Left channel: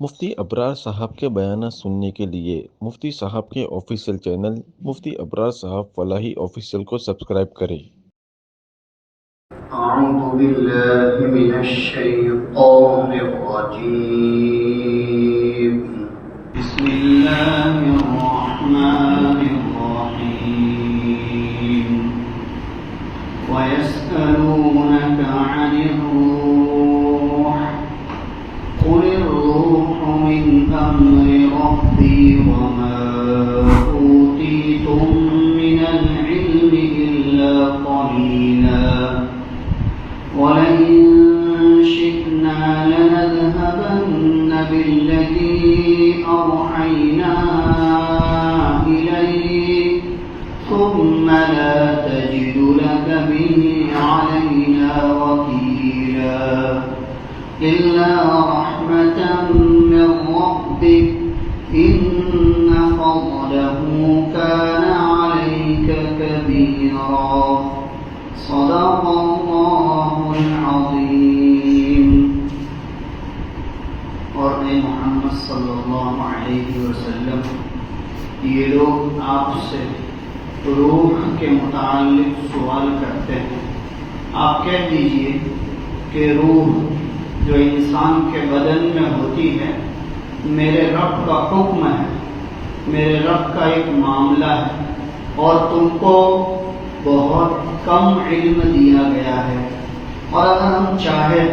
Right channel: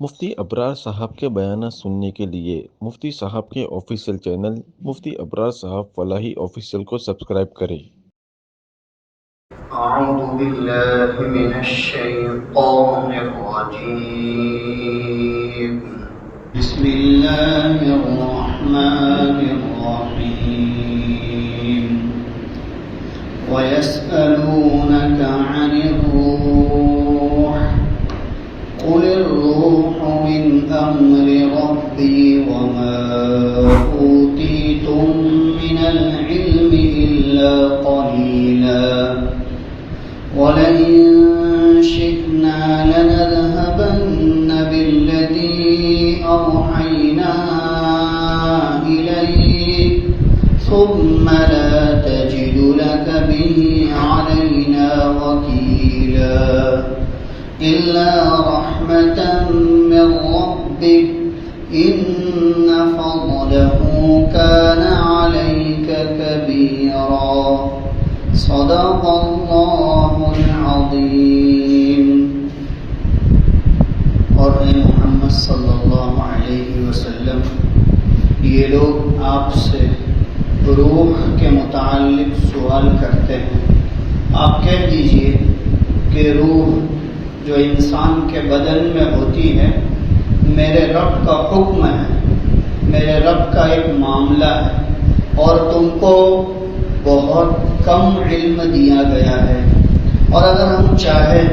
مفتی ابرار صاحب کے بیانات سننے کے لیے مفتی صاحب کے آفیشیل چینل مفتی ابرار صاحب فلاحی آفیشیل کو سبسکرائب کریں۔ اعوذ باللہ من الشیطان الرجیم بسم اللہ الرحمن الرحیم وَيَسْأَلُونَكَ عَنِ الرُّوحِ قُلِ الرُّوحُ مِنْ أَمْرِ رَبِّي وَمَا أُوتِيتُم مِّنَ الْعِلْمِ إِلَّا قَلِيلًا وَلَئِن شِئْنَا لَنَذْهَبَنَّ بِالَّذِي أَوْحَيْنَا إِلَيْكَ ثُمَّ لَا تَجِدُ لَكَ بِهِ عَلَيْنَا وَكِيلًا إِلَّا رَحْمَةً مِّن رَّبِّكَ إِنَّ فَضْلَهُ كَانَ عَلَيْكَ كَبِيرًا صدق اللہ العظیم۔ اور اے محمد صلی اللہ علیہ وسلم، یہ لوگ آپ سے روح کے متعلق سوال کرتے ہیں، آپ کہہ دیجئے کہ روح جو انسان کے بدن میں ہوتی ہے میرے رب کا حکم ہے، میرے رب کا ایک معاملہ ہے، اور تم کو بہت کم علم دیا گیا ہے، اور اگر ہم چاہیں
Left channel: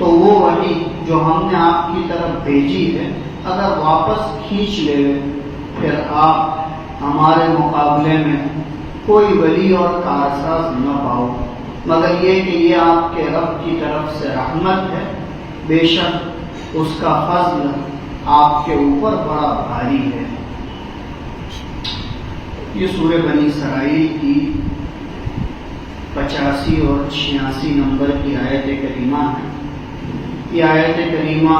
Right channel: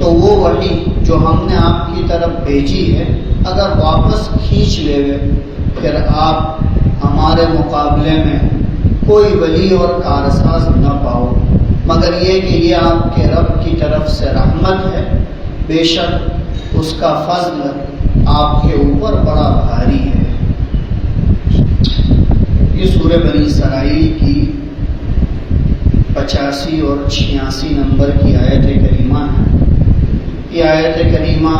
تو وہ وحی جو ہم نے آپ کی طرف بھیجی ہے اگر واپس کھینچ لے پھر آپ ہمارے مقابلے میں کوئی ولی اور کارساز نہ پاؤ، مگر یہ کہ یہ آپ کے رب کی طرف سے رحمت ہے، بے شک اس کا فضل آپ کے اوپر بڑا بھاری ہے۔ یہ سورہ بنی اسرائیل کی 85 اور 86 نمبر کی آیت کریمہ ہے۔ یہ آیت کریمہ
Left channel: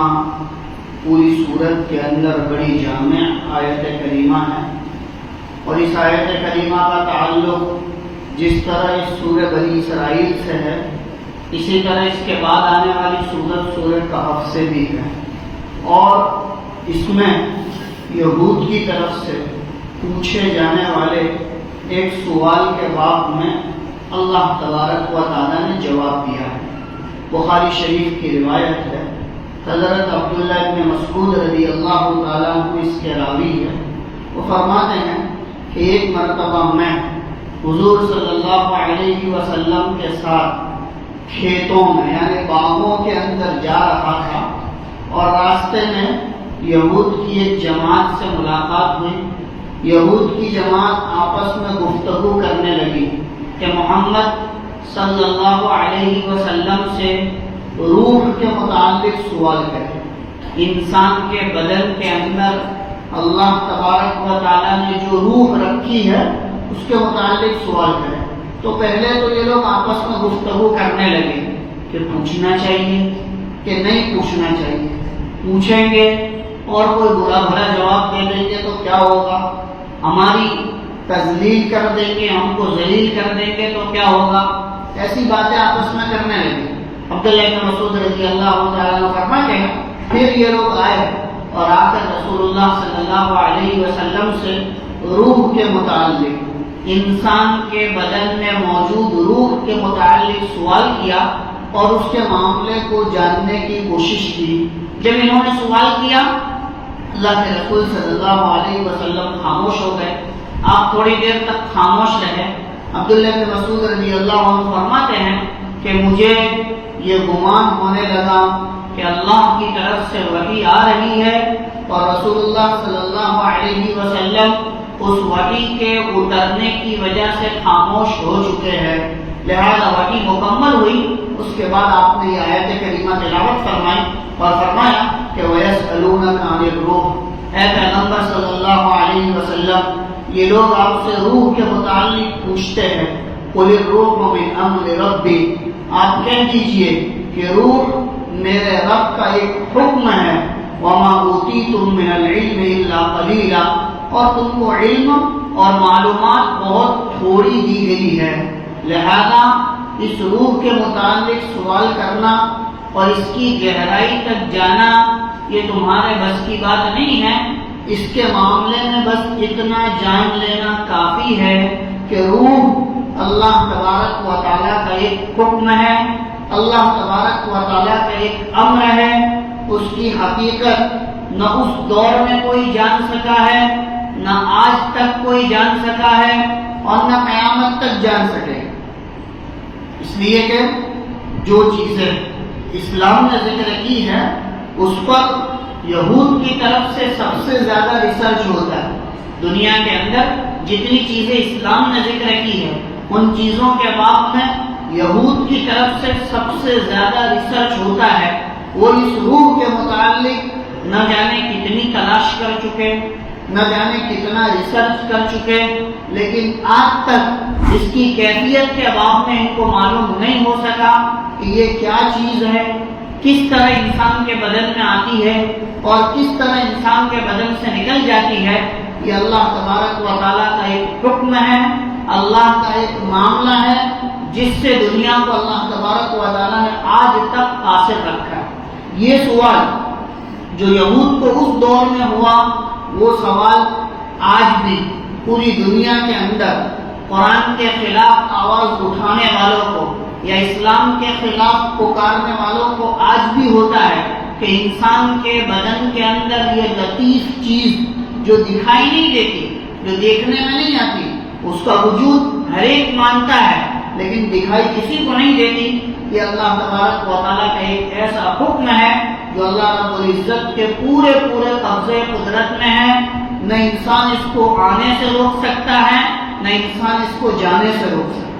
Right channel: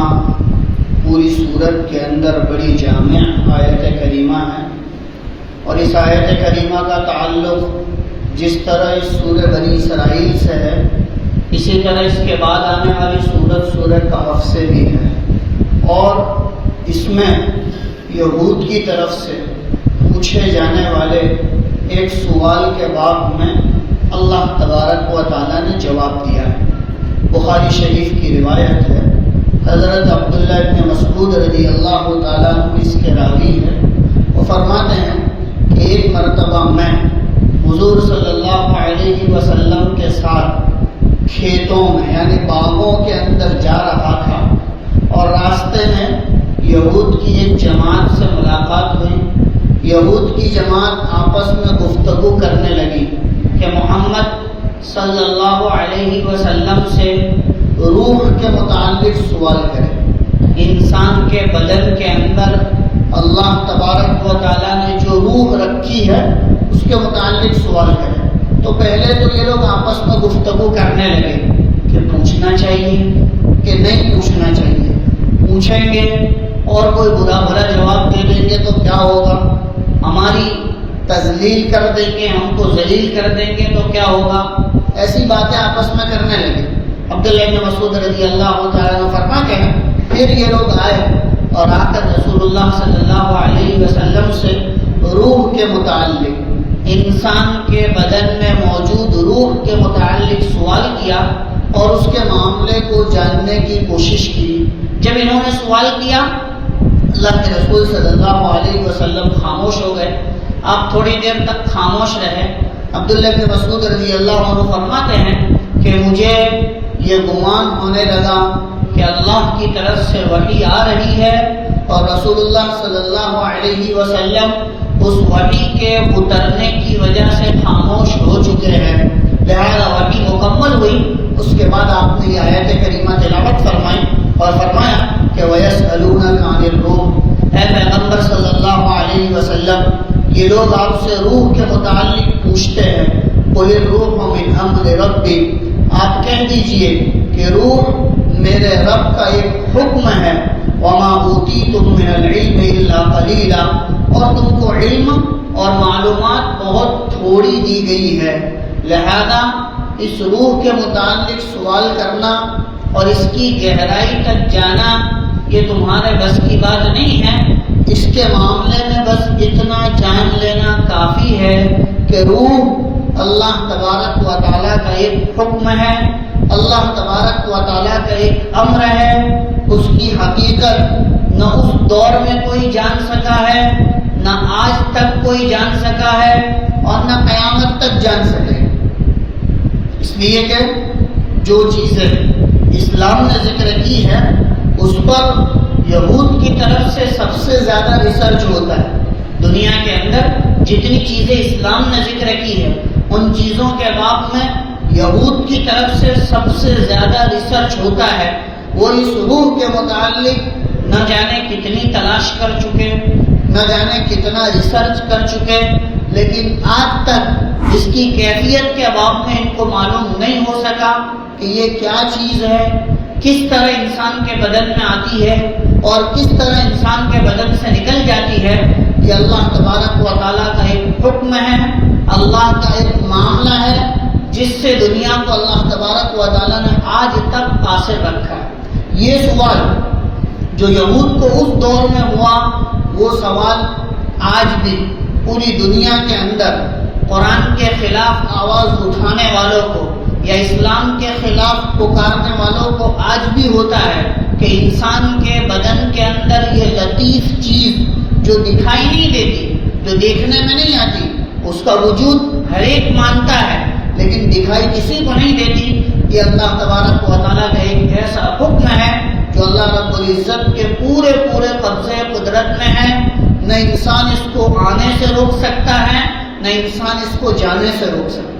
پوری سورت کے اندر بڑی جامع آیت کریمہ ہے، اور اس آیت کریمہ کا تعلق جس طرح اس سورہ بنی اسرائیل سے ہے، اسی طرح اس کے بعد آنے والی سورہ کہف سے بھی ہے، اور اس میں یہود کی طرف سے پوچھے جانے والے ایک سوال کے باب میں اللہ تبارک و تعالیٰ نے جواب دیا ہے۔ بخاری شریف کی روایت ہے، حضرت عبداللہ ابن مسعود رضی اللہ تعالیٰ عنہ اس کے راوی ہے، وہ فرماتے ہیں کہ ایک مرتبہ میں حضور صلی اللہ علیہ وسلم کے ساتھ کھیتوں میں یعنی باغوں کے اندر جا رہا تھا، اور راستے میں یہود کی ایک جماعت سے ملاقات ہوئی۔ یہود کی جماعت آپس میں گفتگو کرنے لگی کہ محمد صلی اللہ علیہ وسلم سے روح کے متعلق سوال کرے، انسان کے بدن کے اندر اللہ تبارک و تعالیٰ نے جو روح رکھی ہے اس کے متعلق سوال کرے۔ تو پہلے تو یہ لوگ آپس میں گفتگو کرنے لگے کہ پوچھنا چاہیے کہ نہیں پوچھنا چاہیے، پوچھیں گے اور کوئی برا بھلا جواب دے دیں گے تو کیا ہوگا، ہماری تذلیل کر دیں گے، ہم کو ذلیل کر دیں گے تو کیا ہوگا، ایسی باتیں آپس میں کرنے لگے۔ عبداللہ بن مسعود رضی اللہ تعالیٰ عنہ فرماتے ہیں پھر یہ لوگ آئے اور آ کر رسول اللہ صلی اللہ علیہ وسلم سے روح کے متعلق، انسان کے بدن میں موجود روح کے متعلق سوال کیا اور اس کے معاملے کو جاننے کی کوشش کی۔ جب انہوں نے سوال کیا اللہ کے رسول صلی اللہ علیہ وسلم خاموش ہو گئے، آپ تھوڑی دیر تک خاموش رہے۔ عبداللہ بن مسعود رضی اللہ عنہ فرماتے ہیں کہ مجھے یہ گمان ہونے لگا کہ اللہ کی طرف سے وحی آ رہی ہے، اور رسول اللہ صلی اللہ علیہ وسلم اس وحی کے اترنے کی وجہ سے خاموش ہو چکے ہیں، لہذا وحی مکمل ہوئی۔ اس کے بعد آپ نے یہ آیت کریمہ تلاوت فرمائی اور فرمایا کہ وَيَسْأَلُونَكَ عَنِ الرُّوحِ، اے پیغمبر صلی اللہ علیہ وسلم یہ لوگ آپ سے روح کے متعلق پوچھتے ہیں، قُلِ الرُّوحُ مِنْ أَمْرِ رَبِّي، آپ کہہ دیجئے کہ روح میرے رب کا ایک حکم ہے، وَمَا أُوتِيتُم مِّنَ الْعِلْمِ إِلَّا قَلِيلًا، اور تم کو علم اور معلومات بہت تھوڑی دی گئی ہے، لہذا اس روح کے متعلق سوال کرنا اور اس کی گہرائی تک جانا یہ تمہارے بس کی بات نہیں ہے. اس کے معاملے میں بس اتنا جان لینا کافی ہے کہ روح اللہ تبارک و تعالیٰ کا ایک حکم ہے، اللہ تبارک و تعالیٰ کا ایک امر ہے. اس کی حقیقت نہ اس دور میں کوئی جان سکا ہے، نہ آج تک کوئی جان سکا ہے، اور نہ قیامت تک جان سکے. اس لیے کہ جو چیزیں اسلام نے ذکر کی ہے اس پر یہود کی طرف سے سب سے زیادہ ریسرچ ہوتا ہے. دنیا کے اندر جتنی چیزیں اسلام نے ذکر کی ہے ان چیزوں کے باب میں یہود کی طرف سے سب سے زیادہ ریسرچ ہوتا ہے. وہ اس روح کے متعلق نہ جانے کتنی تلاش کر چکے، نہ جانے کتنا ریسرچ کر چکے، لیکن آج تک اس کی کیفیت کے باب میں ان کو معلوم نہیں ہو سکا کہ یہ کیا چیز ہے، کس طرح انسان کے بدن میں آتی ہے اور کس طرح انسان کے بدن سے نکل جاتی ہے. یہ اللہ تبارک و تعالیٰ کا ایک حکم ہے، اللہ کا ایک معاملہ ہے جس سے دنیا کو اللہ تبارک و تعالیٰ نے آج تک قاصر رکھا ہے. یہ سوال جو یہود کو اس دور میں ہوا، وہ سوال آج بھی پوری دنیا کے اندر قرآن کے خلاف آواز اٹھانے والوں کو یا اسلام کے خلاف پکارنے والوں کو آج بھی ہوتا ہے کہ انسان کے بدن کے اندر یہ لطیف چیز جو دکھائی نہیں دیتی، جو دیکھنے میں نہیں آتی، اس کا وجود ہر ایک مانتا ہے لیکن دکھائی کسی کو نہیں دیتی. یہ اللہ تبارک و تعالیٰ کا ایک ایسا حکم ہے جو اللہ رب العزت کے پورے قبضے قدرت میں ہے. نہ انسان اس کو آنے سے روک سکتا ہے، نہ انسان اس کو جانے سے روک سکتا ہے.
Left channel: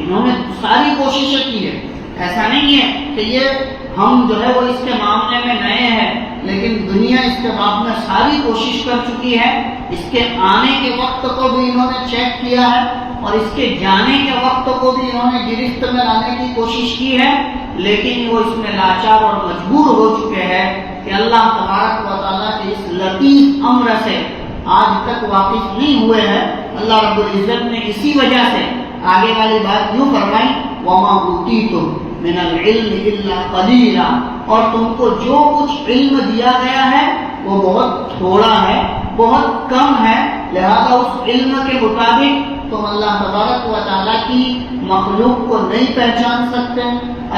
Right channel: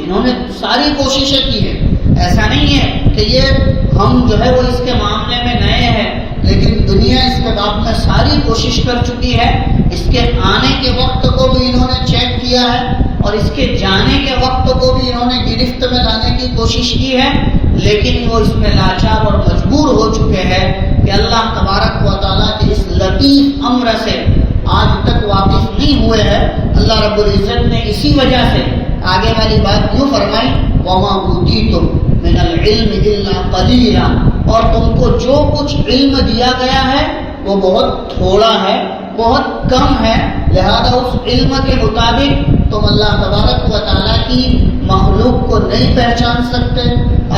انہوں نے ساری کوششیں کی ہے. ایسا نہیں ہے کہ یہ ہم جو ہے وہ اس کے معاملے میں نئے ہیں، لیکن دنیا اس کے باب میں ساری کوشش کر چکی ہے. اس کے آنے کے وقت کو بھی انہوں نے چیک کیا ہے اور اس کے جانے کے وقت کو بھی انہوں نے گرفت میں لانے کی کوشش کی ہے، لیکن وہ اس میں لاچار اور مجبور ہو چکے ہیں کہ اللہ تبارک و تعالیٰ کے اس لطیف امر سے آج تک واقف نہیں ہوئے ہیں. اللہ رب العزت نے اسی وجہ سے آگے والی بات یوں فرمائی، وَمَا أُوتِيتُم مِّنَ الْعِلْمِ إِلَّا قَلِيلًا، اور تم کو جو کچھ علم دیا گیا ہے وہ بہت تھوڑا ہے، بہت کم ہے. لہذا اس علم کے مطابق تم اللہ تبارک و تعالیٰ کی مخلوق کو نہیں پہچان سکتے،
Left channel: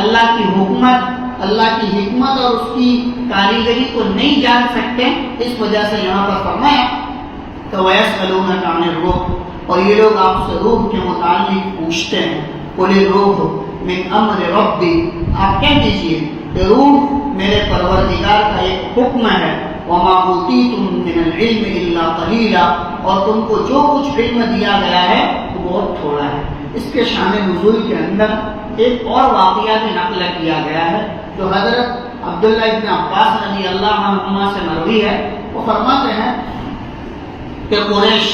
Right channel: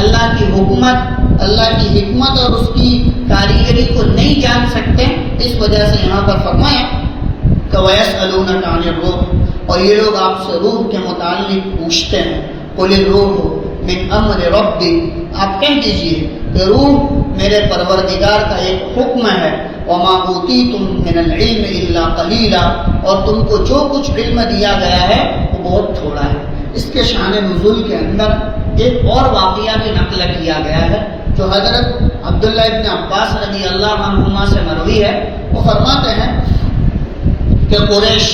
اللہ کی حکمت، اللہ کی حکمت اور اس کی کاریگری کو نہیں جان سکتے. اس وجہ سے یہاں پر فرمایا کہ وَيَسْأَلُونَكَ عَنِ الرُّوحِ، اور یہ لوگ آپ سے روح کے متعلق پوچھتے ہیں. قُلِ الرُّوحُ مِنْ أَمْرِ رَبِّي، آپ کہہ دیجئے کہ روح میرے پروردگار کا ایک حکم ہے. وَمَا أُوتِيتُم مِّنَ الْعِلْمِ إِلَّا قَلِيلًا، اور تم کو جو کچھ علم دیا گیا ہے وہ بہت تھوڑا ہے. اس کے شان نزول کے اندر ایک اور واقعہ بھی نقل کیا گیا ہے جو حضرت عبداللہ ابن عباس رضی اللہ عنہما سے مروی ہے. وہ فرماتے ہیں کہ قریش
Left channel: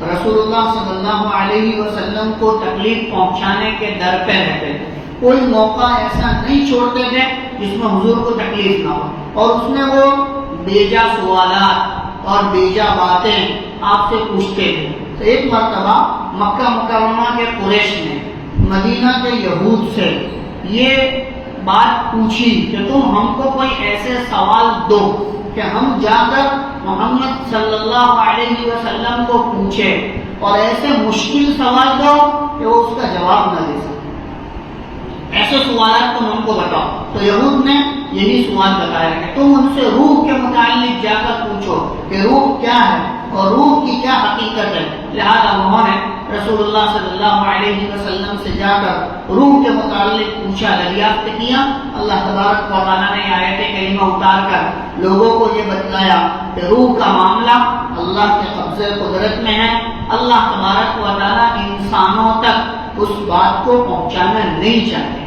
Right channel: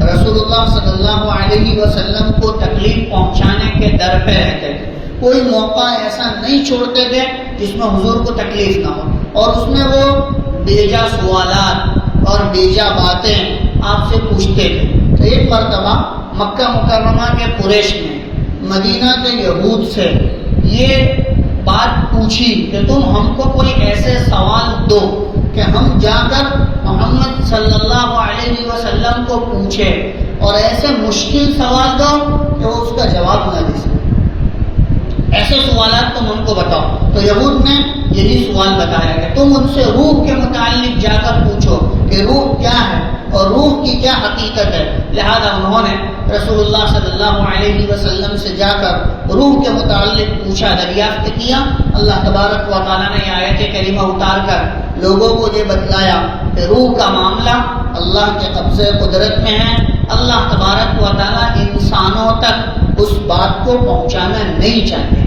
رسول اللہ صلی اللہ علیہ وسلم کو تکلیف پہنچانے کے در پہ رہتے تھے. کوئی موقع ایسا نہیں چھوڑتے تھے جس میں حضور کو تکلیف نہ ہو، اور اس میں وہ بیجا سوالات اور بیجا باتیں آپ سے پوچھتے تھے. ایک مرتبہ مکہ مکرمہ کے قریش نے مدینہ کے یہود سے یہ بات پوچھی کہ تم ہم کو کوئی ایسے سوال دو کہ ہم جا کر محمد صلی اللہ علیہ وسلم کو پوچھیں، اور ایسے مشکل سوال دو کہ وہ اس کا جواب نہ دے سکے. ایسے سوالات تم ہم کو بتاؤ. تو یہود نے یہی سوال بتایا کہ تم ان سے روح کے متعلق جا کر پوچھو کہ روح کیا ہے اور روح کی کیا حقیقت ہے. لہذا انہوں نے رسول اللہ صلی اللہ علیہ وسلم سے جا کر روح کے متعلق پوچھا، دریافت کیا. اللہ تبارک و تعالیٰ نے آیت کریمہ اتار کر لوگوں کو یہ بتلایا کہ روح کا معاملہ اللہ کے قبضے قدرت میں ہے. اللہ تبارک و تعالیٰ انسانوں تک اس بات کو پہنچانا نہیں چاہتے.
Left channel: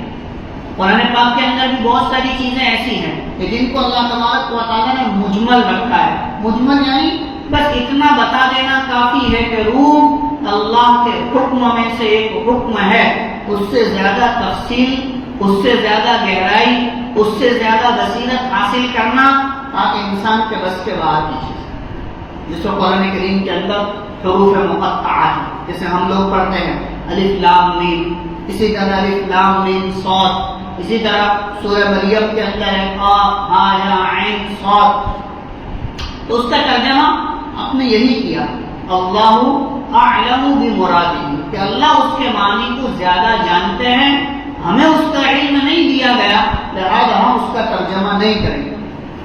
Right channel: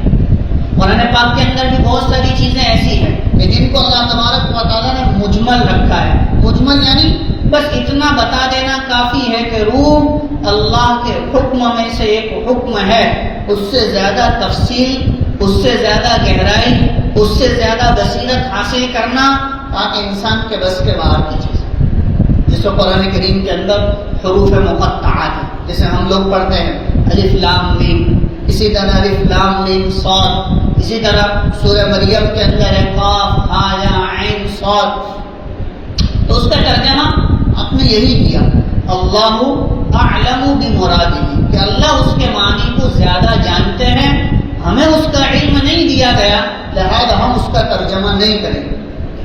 قرآن پاک کے اندر بھی بہت ساری چیزیں ایسی ہیں کہ جن کو اللہ تبارک و تعالیٰ نے مجمل رکھا ہے. مجمل یعنی بس اتنا بتا دینا کافی ہے کہ روح اللہ کے حکم میں سے ایک حکم ہے. اس سے زیادہ تفصیل، اس سے زیادہ گہرائی، اس سے زیادہ بصیرت حاصل کرنا تاکہ انسان کے بس کے باہر کی چیز، جس کو قرآن کریم کے اندر حروف مقطعات جسے ہم لوگ پڑھتے ہیں، الف لام میم، اسی طرح الف لام میم صاد، اسی طرح سورہ مریم کے اندر ہے قاف ہا یا عین عین صاد. تو اس کا ترجمہ آپ نے یہی کیا، اللہ اعلم بمرادہ، کہ اللہ اس کے معنی کو زیادہ جانتے ہیں، ہمیں اس کا علم نہیں دیا گیا، لہذا ہم اس کا ترجمہ نہیں کریں گے،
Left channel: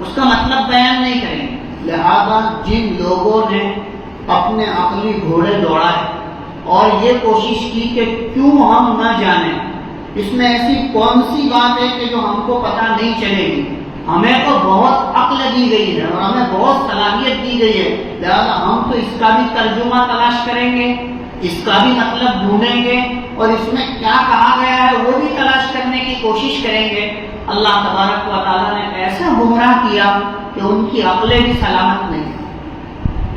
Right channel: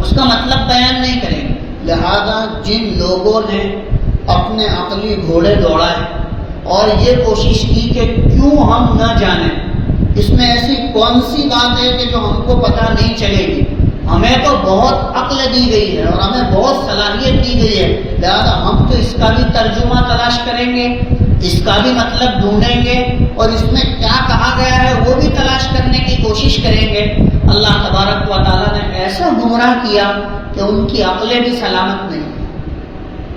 اس کا مطلب بیان نہیں کریں گے. لہذا جن لوگوں نے اپنے عقلی گھوڑے دوڑائے اور یہ کوشش کی کہ کیوں ہم نہ جانیں، اس میں ایسی کون سی بات ہے کہ جو ہم کو پتہ نہیں چلے گی، ہمیں تو بہت عقل دی گئی ہے اور ہمیں بہت صلاحیت دی گئی ہے، لہذا ہم تو اس کا بھی ترجمہ تلاش کریں گے، اس کا بھی مطلب ڈھونڈیں گے اور اس میں کیا کہا گیا ہے وہ بھی تلاش کرنے کی کوشش کریں گے. اللہ تبارک و تعالیٰ نے ایسا گمراہ کیا کہ ان کی عقلیں بھی سلامت نہیں،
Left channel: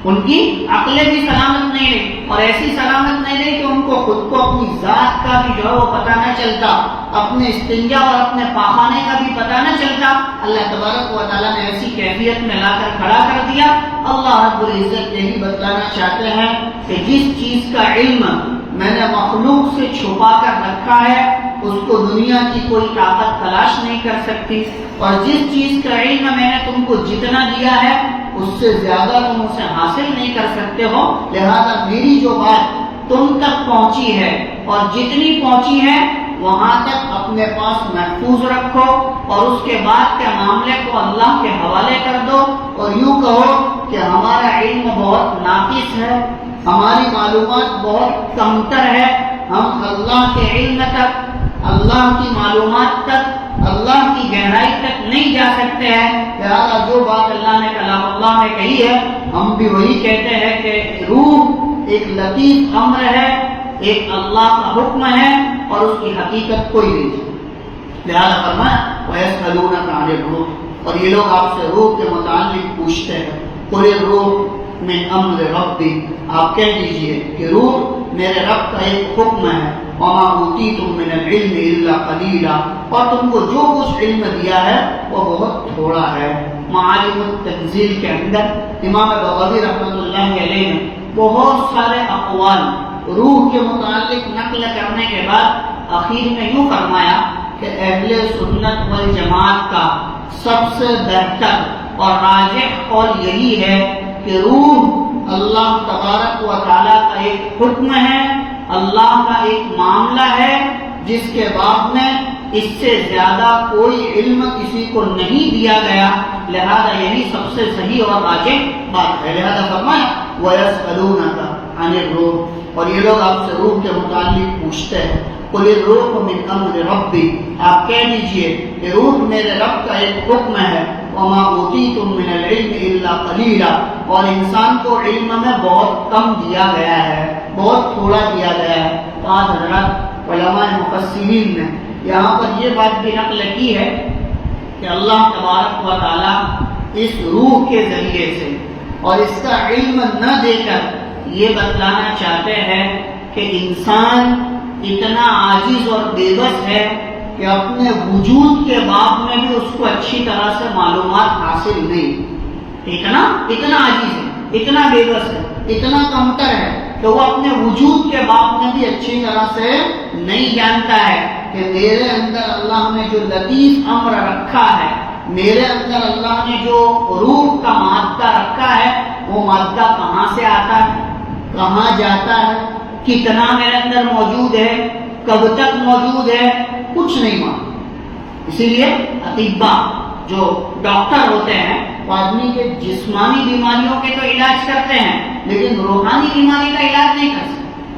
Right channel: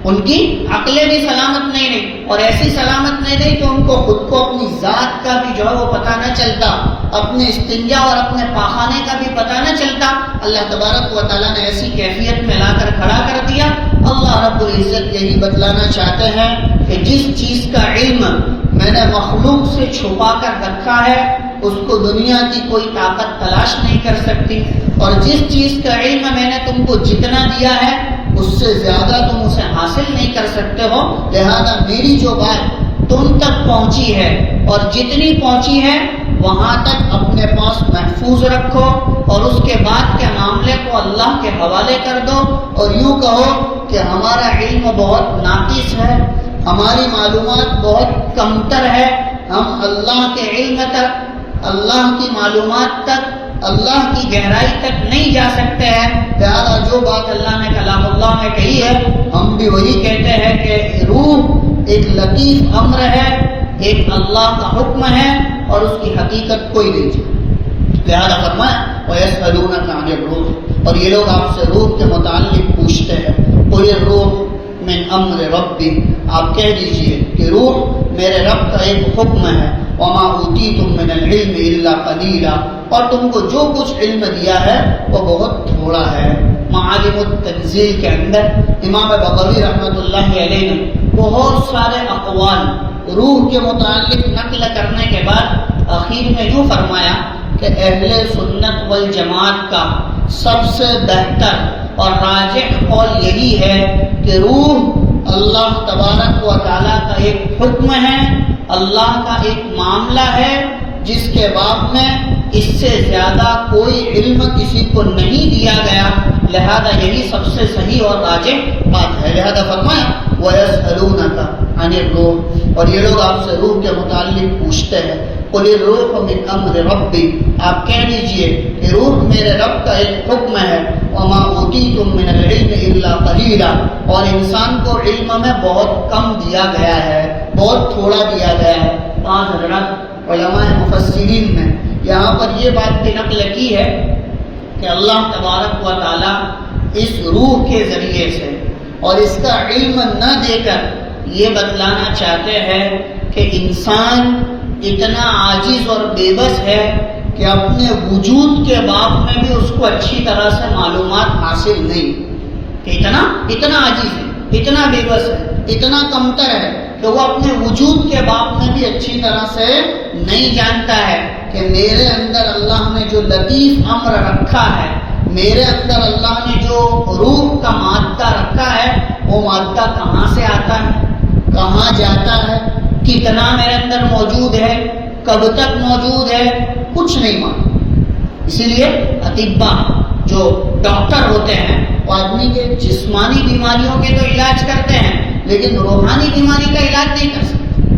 ان کی عقلیں بھی سلامت نہیں رہی، اور ایسی سلامت نہیں رہی کہ ان کو خود کو اپنی ذات کا بھی جو ہے وہ پتہ نہ چلتا، اپنے استنجا اور اپنے پاخانے کا بھی پتہ نہ چلتا. اللہ تبارک و تعالیٰ نے ایسی کیفیت میں لا کر کھڑا کر دیا. اللہ رب العزت یہی بتلانا چاہتے ہیں کہ جس چیز کا علم میں نے مخلوق سے چھپا کر رکھا ہے اس کو دنیا کی کوئی طاقت تلاش نہیں کر سکتی، اور جس چیز کا علم میں نے تم کو جتنا دیا ہے اس سے زیادہ تم اسے حاصل نہیں کر سکتے ہو. لہذا میری جو بات تم تک پہنچی ہے اور جتنی پہنچی ہے وہاں تک اپنے پاس محفوظ رکھو، اور اس کے بعد کے معاملے کو اللہ کے حوالے کر دو، اور یوں کہو کہ ہمارا علم بہت ناقص ہے، ہماری معلومات بہت کمتر ہے، ہم اللہ کے علم تک، اللہ کی معلومات تک، اللہ کی گہرائی تک نہیں جا سکتے ہیں. لہذا جو بات اللہ نے کلام اللہ میں کہی ہے ہم بھی وہی کہتے ہیں کہ روح ایک لطیف امر ہے، ایک اللہ کا حکم ہے اور اس کی حقیقت کوئی نہیں جانتا. لہذا فرمایا وَيَسْأَلُونَكَ عَنِ الرُّوحِ، اور یہ لوگ آپ سے روح کے متعلق پوچھتے ہیں. قُلِ الرُّوحُ مِنْ أَمْرِ رَبِّي، آپ کہہ دیجئے کہ روح میرے رب کا ایک حکم ہے. وَمَا أُوتِيتُم مِّنَ الْعِلْمِ إِلَّا قَلِيلًا، اور تم کو جو کچھ علم دیا ہے وہ بہت تھوڑا ہے. معالم التنزیل کے اندر امام بغوی رحمۃ اللہ علیہ نے بہت سارے اقوال روح کے متعلق نقل کرنے کے بعد آخر میں یوں فرمایا کہ اہل سنت والجماعت کا سب سے بہتر اور راجح قول یہی ہے کہ روح اللہ تبارک و تعالیٰ کا ایک حکم ہے، اللہ کا ایک معاملہ ہے جس کے باب میں اس سے زیادہ کوئی علم کسی کو نہیں دیا گیا. لہذا یہی سب سے صحیح اور راجح بات ہے. لہذا فرمایا وَيَسْأَلُونَكَ عَنِ الرُّوحِ، اور یہ لوگ آپ سے روح کے متعلق پوچھتے ہیں. قُلِ الرُّوحُ مِنْ أَمْرِ رَبِّي، آپ کہہ دیجئے کہ روح میرے رب کا ایک حکم ہے. وَمَا أُوتِيتُم مِّنَ الْعِلْمِ إِلَّا قَلِيلًا، اور انسان کو علم میں بہت کم دیا گیا ہے، بہت تھوڑا دیا گیا ہے. پانچ حضرات علماء مفسرین نے یہاں پر یہ بات بھی نقل کی ہے کہ اللہ تبارک و تعالیٰ اس روح کے ذریعے سے اور اس کا علم نہ دے کر یہ بتلانا چاہتے ہیں کہ انسان اتنا عاجز اور بے بس ہے کہ اپنے وجود کے باب میں بھی اس کو اچھی طرح سے معلومات حاصل نہیں، کہ اتنا عاجز ہے، اتنا بے بس ہے، اتنا کمتر ہے کہ وہ اپنے وجود کے باب میں بھی اچھی طرح سے نہیں جانتا ہے کہ میرے اندر اللہ نے جو لطیف امر رکھا ہے، میرے اندر اللہ نے جو روح کا مادہ رکھا ہے وہ مادہ کہاں سے آتا ہے، کہاں جاتا ہے، کتنا میرے اندر موجود ہے، کب تک موجود ہے، کچھ نہیں معلوم. اسی لیے اطباء جو ڈاکٹر ہوتے ہیں وہ آدمی کے جسمانی بیماریوں کے تو علاج کرتے ہیں لیکن روحانی بیماری کا علاج نہیں کر سکتے،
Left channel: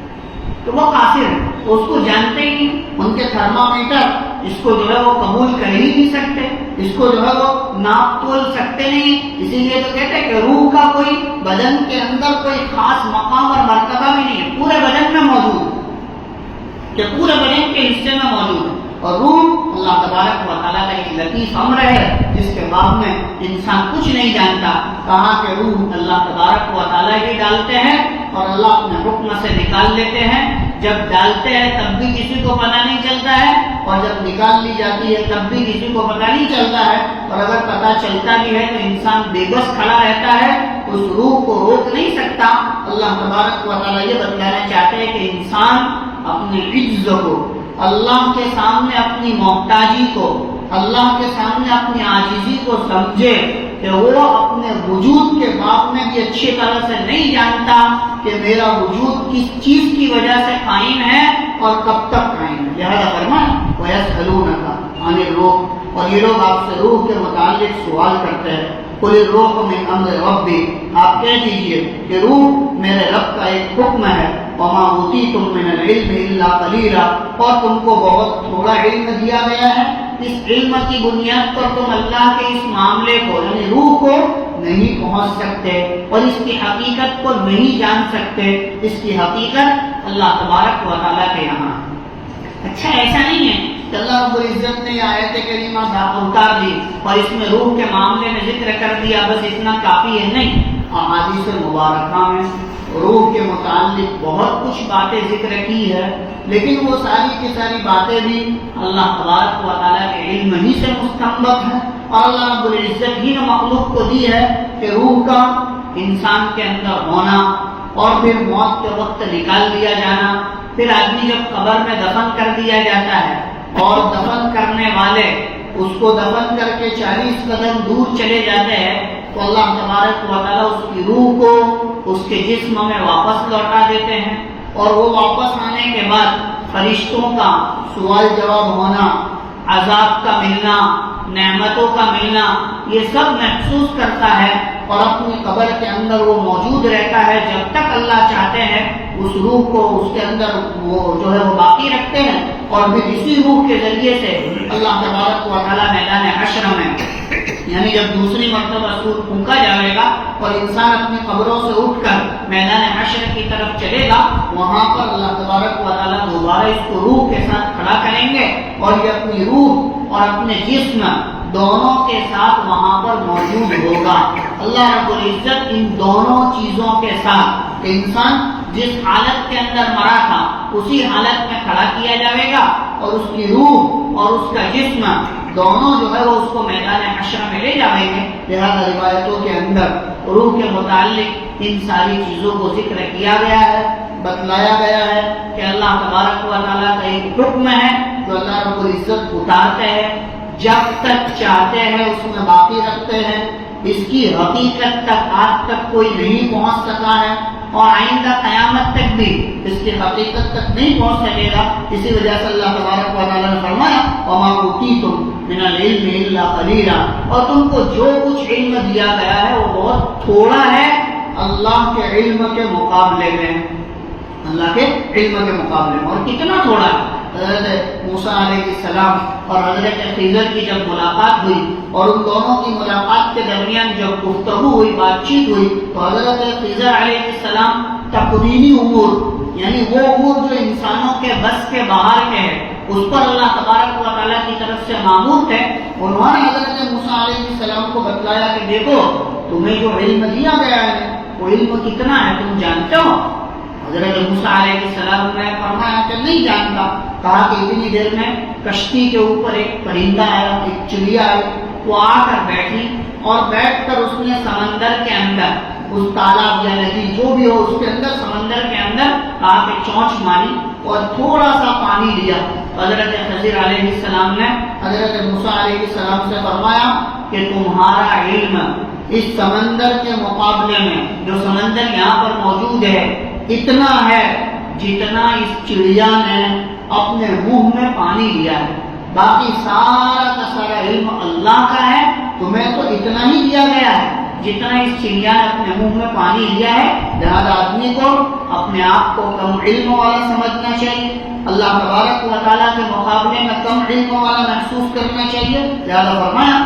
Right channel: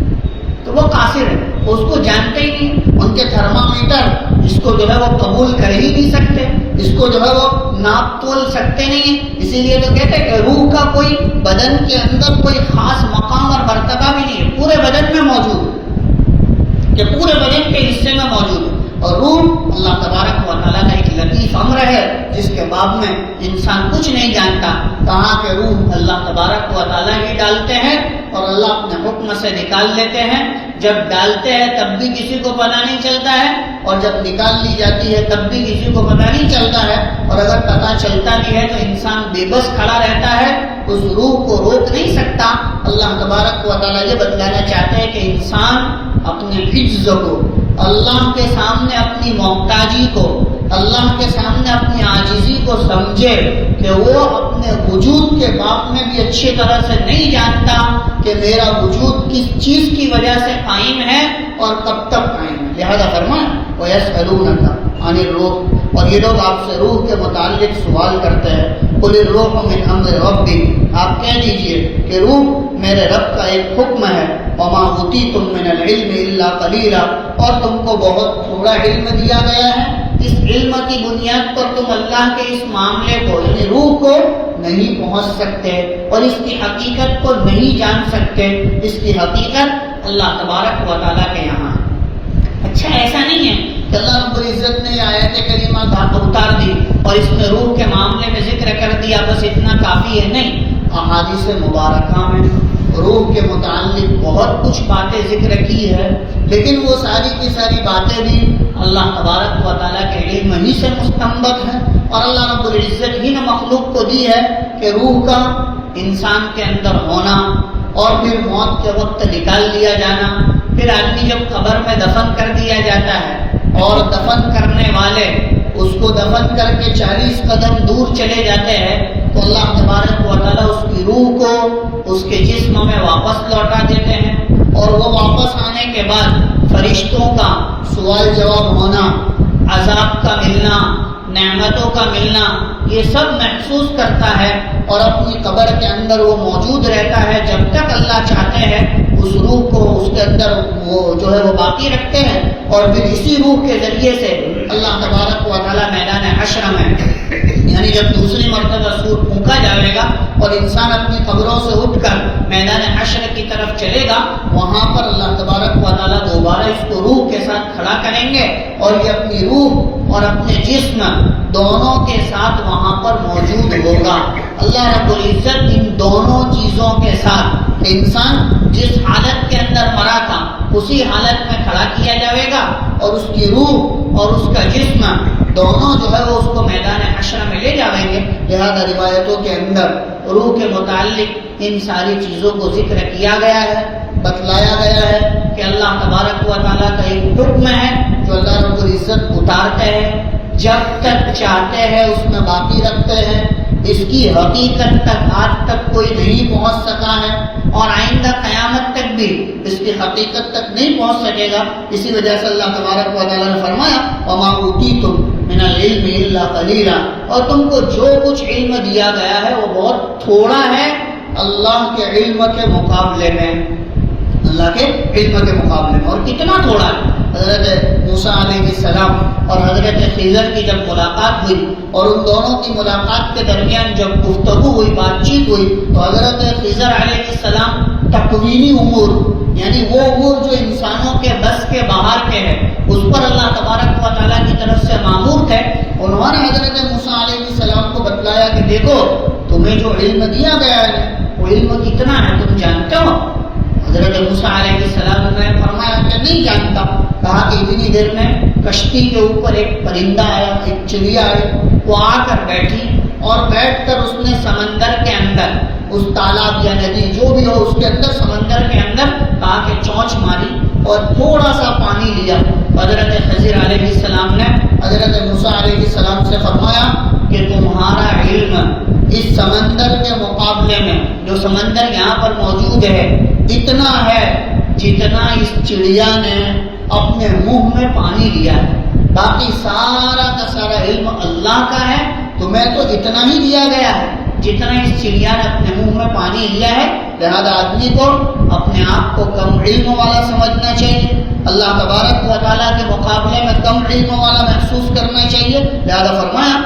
تو وہ قاصر ہے، اس کو جانتے ہی نہیں. ان کے تھرمامیٹر اس کو جو ہے وہ قبول کر ہی نہیں سکتے، اس کو جو ہے وہ ناپ تول سکتے نہیں. اسی لیے تو کہتے ہیں کہ روح کا کوئی بدن کے اندر کوئی خاص مقام اور مرتبہ بھی نہیں ہے، پورے بدن میں موجود ہے، کہ پورے بدن کے حصے میں موجود ہے. اور روح اللہ تبارک و تعالیٰ کا ایک لطیف امر ہے جس کے باب میں انسان کچھ نہیں جانتا. کہاں کہ روح اللہ تبارک و تعالیٰ ہی ڈالتے ہیں اور اللہ اپنے حکم سے نکال لیتے ہیں. جب ڈالتے ہیں تب بھی کسی کو پتہ نہیں چلتا ہے، اور جب نکال لی جاتی ہے تب بھی کسی کو پتہ نہیں چلتا ہے. اور اگر پتہ چلتا بھی ہے تو انسان بے بس کھڑا رہتا ہے، اس روح کو روک نہیں سکتا. اللہ تبارک و تعالیٰ یہ بتلانا چاہتے ہیں کہ انسان اپنے عجز کو، اللہ کے سامنے اپنی محتاجی کو، اللہ کے سامنے اپنی عاجزی کو سمجھے کہ وہ اپنے وجود کے باب میں بھی اچھی طرح سے نہیں جانتا کہ میرا وجود کس چیز کی وجہ سے قائم ہے اور کب تک قائم ہے۔ لہذا فرمایا وَيَسْأَلُونَكَ عَنِ الرُّوحِ، اور یہ لوگ آپ سے روح کے متعلق سوال کرتے ہیں۔ قُلِ الرُّوحُ مِنْ أَمْرِ رَبِّي، آپ کہہ دیجئے کہ روح میرے رب کا ایک حکم ہے۔ وَمَا أُوتِيتُم مِّنَ الْعِلْمِ إِلَّا قَلِيلًا، اور تم کو بہت تھوڑا علم دیا گیا ہے۔ اس علم کی بنیاد پر تم اللہ کے اس معاملے کو یعنی روح کو نہیں پہنچ سکتے اور اس کی حقیقت کو نہیں جان سکتے۔ اس کی حقیقت اللہ تبارک و تعالیٰ کے یہاں ہے۔ اچھا ایسا نہیں ہے کہ اللہ رب العزت نے یہ آیت کریمہ اتار دی اور اس میں روح کے معاملے میں ذکر کر دیا، بس اتنا کافی ہے، نہیں۔ احادیث مبارکہ میں روح کے متعلق بہت کچھ باتیں ذکر کی ہے، لیکن وہ ساری کی ساری باتیں بھی اللہ تبارک و تعالیٰ کے علم ہی سے مستنبط ہیں، اور اللہ رب العزت ہی نے مخلوق کو دی ہے کہ روح کا انسان کے اندر ہونا اور پھر موت کے وقت نکال لیا جانا، پھر آدمی جب قبر میں دفن کر دیا جاتا ہے اور دفن کرنے والے اس کو دفن کر کے 40 قدم دور چلے جاتے ہیں تو اللہ تبارک و تعالیٰ اس کی روح کو اس کے جسم میں واپس لوٹا دیتے ہیں، اور وہ واپس آنے کے بعد فرشتوں کا سوال جواب ہونا، عذاب کا ملنا، نعمتوں کا ملنا، یہ سب محسوس کرتا ہے اور اپنی قبر کے اندر وہ موجود رہتا ہے جب تک اللہ چاہتے ہیں اس روح کو اس کے اندر وہ جو ہے وہ باقی رکھتے ہیں، اور پھر اسی روح کے ذریعے سے اللہ تبارک و تعالیٰ میدان حشر میں یعنی جب دوسری مرتبہ سور پھونکا جائے گا اور انسان اپنی قبروں سے اٹھ کر میدان حشر کی طرف چلے گا، وہاں پر اللہ تبارک و تعالیٰ دوبارہ اس کو روح کے ساتھ کھڑا کریں گے اور یہ اپنی روح اور اپنے جسم دونوں کے ساتھ وہاں پر موجود ہوگا۔ اللہ رب العزت ان دونوں چیزوں کے ساتھ انسان جس حالت کے اندر مرا تھا اسی حالت میں کھڑا کیا جائے گا، اور اس کی روح اور اس کا جسم دونوں جو ہے وہ اس کو میدان حشر میں لے جائیں گے۔ لہذا روایتوں کے اندر روح کے متعلق ان ساری چیزوں کو ذکر کیا گیا ہے، بتلایا گیا ہے کہ اللہ تبارک و تعالیٰ کا ایک حکم ہے جو اللہ رب العزت اتارتے ہیں، جب تک چاہتے ہیں اس میں باقی رکھتے ہیں۔ اس کی حقیقت تک آج تک کوئی نہیں پہنچ سکا ہے اور آئندہ قیامت تک بھی اس کی حقیقت تک نہیں پہنچ سکے گا۔ اسی وجہ سے اللہ تبارک و تعالیٰ نے فرمایا وَمَا أُوتِيتُم مِّنَ الْعِلْمِ إِلَّا قَلِيلًا، اور تم کو جو کچھ علم دیا گیا ہے وہ بہت تھوڑا ہے اللہ کے علم کے مقابلے میں، اللہ کے علم کے مقابلے میں۔ اور کتنا تھوڑا ہے؟ حضرت موسیٰ علیہ السلام اور حضرت خضر کی جب ملاقات ہوئی اور ان دونوں کی ملاقات کے درمیان جب گفتگو ہوئی، بات چیت ہوئی، تو حضرت خضر علیہ السلام تکوینی امور یعنی وہ امور جو انسانوں کے بس کے باہر کے ہیں اس پر اللہ تبارک و تعالیٰ کی طرف سے مامور تھے۔ انہوں نے حضرت موسیٰ علیہ السلام کو بتلایا کہ دیکھو تمہیں جو علم دیا گیا ہے وہ علم کتنا ہے تم جانتے ہو؟ حضرت موسیٰ علیہ السلام نے فرمایا کہ نہیں جانتا۔ کہا کہ اتنی دیر میں کشتی کے اوپر ایک پرندہ آیا، ایک چڑیا آئی، وہ آ کر بیٹھی اور بیٹھ کر اس نے سمندر کے اندر اس تالاب یا ندی جو بھی ہو اس کے اندر سمندر کے اندر آ کے چونچ ماری اور تھوڑا سا پانی لیا۔ حضرت خضر علیہ السلام نے حضرت موسیٰ علیہ السلام سے فرمایا کہ تمہارا علم اس سمندر کے مقابلے میں جو سمندر یہاں پر موجود ہے اتنا ہے جتنا اس چڑیا نے اپنے منہ میں پانی لیا ہے، باقی سارا کا سارا علم اللہ کا ہے، تمہیں تو اتنا ہی دیا گیا ہے جتنا اس چڑیا نے اپنے منہ میں پانی لیا ہے۔ لہذا آدمی کو اپنے آپ کو کم علم والا سمجھنا چاہیے، اللہ تبارک و تعالیٰ کے مقابلے میں کم علم والا محسوس کرنا چاہیے۔ لہذا فرمایا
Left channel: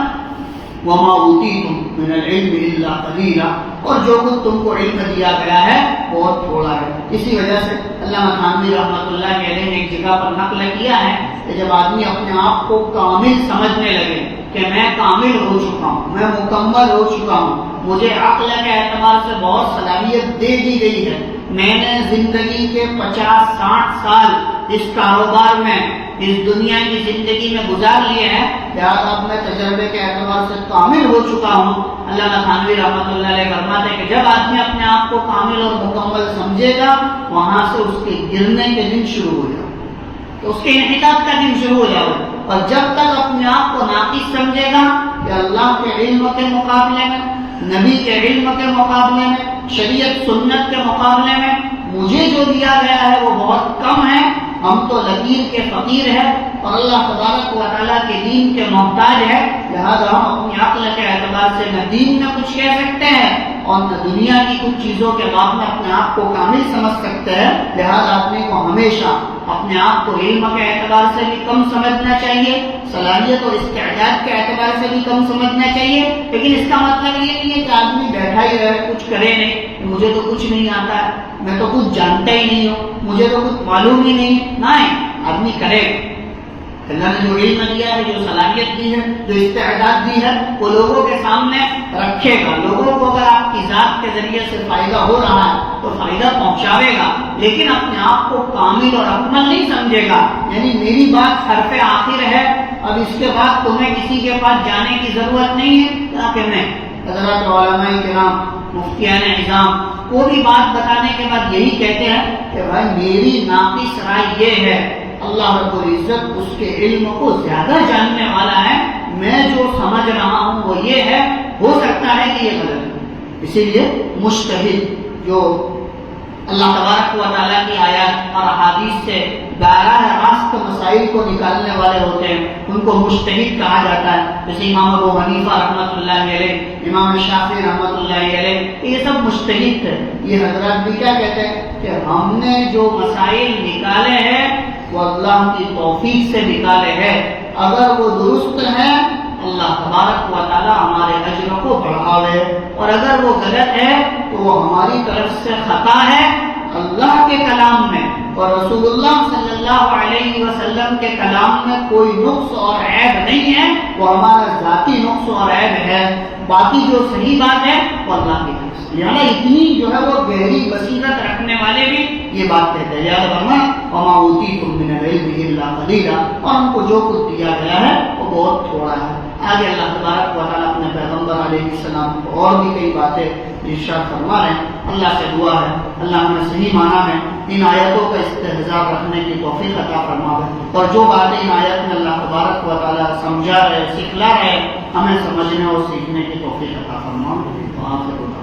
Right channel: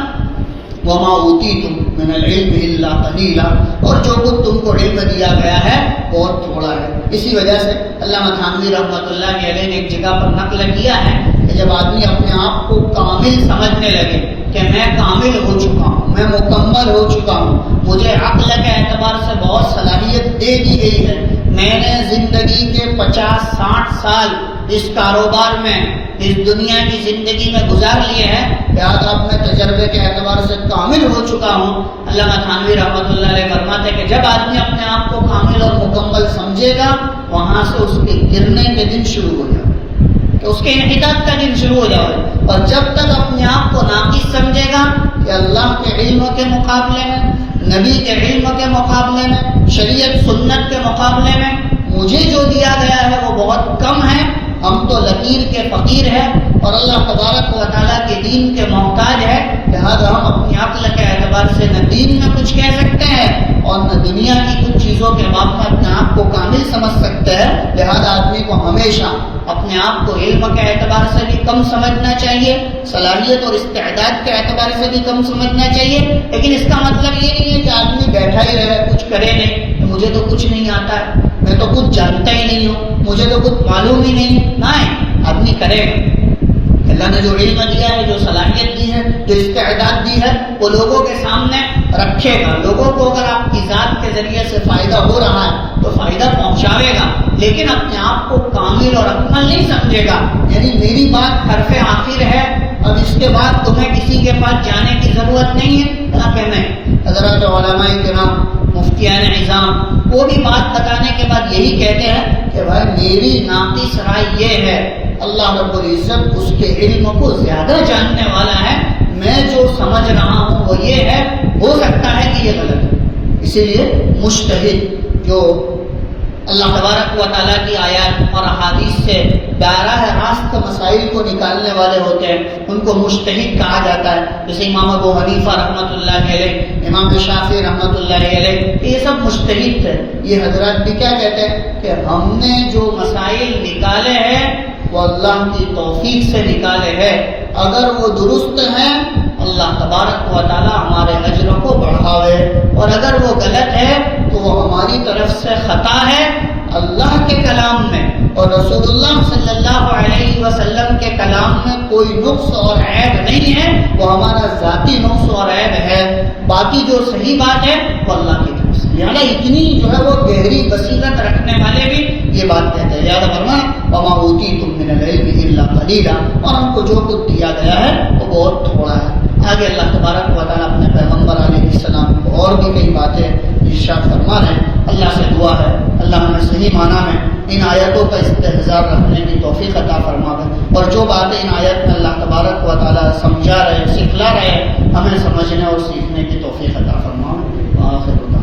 وَمَا أُوتِيتُم مِّنَ الْعِلْمِ إِلَّا قَلِيلًا، اور جو کچھ تم کو علم دیا گیا ہے بہت تھوڑا ہے۔ اسی وجہ سے علامہ تھانوی رحمۃ اللہ علیہ نے ایک جگہ پر نقل کیا ہے کہ جب آدمی اپنے آپ کو کامل سمجھنے لگے کہ میں کامل ہو چکا ہوں، میں مکمل ہو چکا ہوں، مجھے عقل کے اعتبار سے بہت صلاحیت دے دی گئی ہے، میں نے زندگی کے 50-60 سال اس کاروبار میں اس دنیا کی زندگی میں گزار لیے ہیں، لہٰذا اب میں تجربے کے اعتبار سے کامل ہو چکا ہوں۔ علامہ تھانوی رحمۃ اللہ علیہ فرماتے ہیں کہ جب آدمی اپنے آپ کو کامل اور مکمل سمجھے گا وہاں سے اس کے گرنے کے دن شروع ہو جائے، تو اس کے انحطاط کا دن شروع ہو جاؤ. اور جب تک اپنے آپ کو ناقص سمجھے گا کہ اللہ کے علم کے مقابلے میں، نبی کے علم کے مقابلے میں، شریعت سنت کے مقابلے میں مجھے جو دیا گیا ہے وہ بہت کم ہے، ہم تو لکیر کے فقیر ہیں اور اللہ تبارک و تعالیٰ کے دین کے محتاج ہے، لہذا ہم اپنی عقل کے اعتبار سے نہ دین میں کچھ کہہ سکتے ہیں اور نہ دنیا کی کچھ چیزوں کے باب میں اپنے آپ کو کامل سمجھ سکتے ہیں. لہذا آدمی کو ہمیشہ اپنے آپ کو علم کے اعتبار سے بھی کم سمجھنا چاہیے، صلاحیت اور استعداد کے اعتبار سے بھی کم سمجھنا چاہیے. لیکن اس کا مطلب یہ نہیں ہے کہ آدمی بیٹھا ہی رہے، کچھ کرے نہیں، مجھے تو کچھ نہیں آتا ہے، میں تو کچھ جانتا ہی نہیں ہوں، مجھے تو کچھ معلوم ہی نہیں. نہیں، آدمی کرے گا. اللہ نے جو علم دیا ہے، جو صلاحیت دی ہے، جو استعداد دی ہے، وہ لوگوں کے سامنے رکھے گا. لوگوں کو اگر آپ کی ذات کے ذریعے سے فائدہ ہو رہا ہے تو فائدہ پہنچاوے گا، لیکن اپنے آپ کو کامل اور اکمل نہیں سمجھے گا. یعنی میری بات حرف آخر ہے، اب اس کے بعد تمہیں کسی کے پاس جانے کی ضرورت نہیں ہے. حضرات علماء کرام، مفتیان اعظام، وہ بھی بات بتانے کے بعد یہی کہتے ہیں کہ بھائی میری ناقص رائے یہ ہے، اللہ رب العزت اس کے علم کو زیادہ جاننے والا ہے، میں جو سمجھ رہا ہوں وہ یہ ہے، ہو سکتا ہے کہ یہ غلط ہے. اسی لیے مجتہد جو اللہ تبارک و تعالیٰ کی آیات اور احادیث سے براہ راست مسائل کو نکالنے والے ہوتے ہیں، ان کو مجتہد کہا جاتا ہے. جیسے امام ابو حنیفہ رحمۃ اللہ علیہ، امام شافعی رحمۃ اللہ علیہ، یہ سب مجتہد تھے. یہ حضرات بھی کیا کہتے ہیں کہ ہم نے جو مسائل نکالے ہیں وہ اللہ کی توفیق سے نکالے ہیں، اگر وہ درست ہیں اللہ تبارک و تعالیٰ ہمارے اجر کو بڑھاوے، اور اگر وہ غلط ہے تو وہ ہماری طرف سے خطا ہے. اللہ کے کلام میں اور رسول اللہ صلی اللہ علیہ وسلم کے کلام میں کوئی نقص اور عیب نہیں ہے، وہ ہمارا ذاتی نقص اور عیب ہے. باقی جو صحیح بات ہے وہ اللہ کی طرف سے. یعنی اتنی جو ہے وہ گہری بصیرت رکھنے والے بھی یہ بات کہتے ہیں. یاد فرمائیں وما اوتیتم من العلم الا قلیلا، اور ہم کو جو کچھ دیا گیا ہے وہ بہت تھوڑا ہے. آگے اللہ تبارک و تعالیٰ اپنے پیغمبر علیہ السلام کو اور بھی کئی باتیں ارشاد فرما رہے ہیں. اللہ سے دعا ہے اللہ ہمیں صحیح معنی میں ان آیتوں کا استحضار رکھنے کی توفیق عطا فرماوے، اور جو باتیں ان آیت میں اللہ تبارک و تعالیٰ سمجھا رہے، سکھلا رہے، ہمیں سمجھنے اور سیکھنے کی توفیق عطا فرماوے. آخر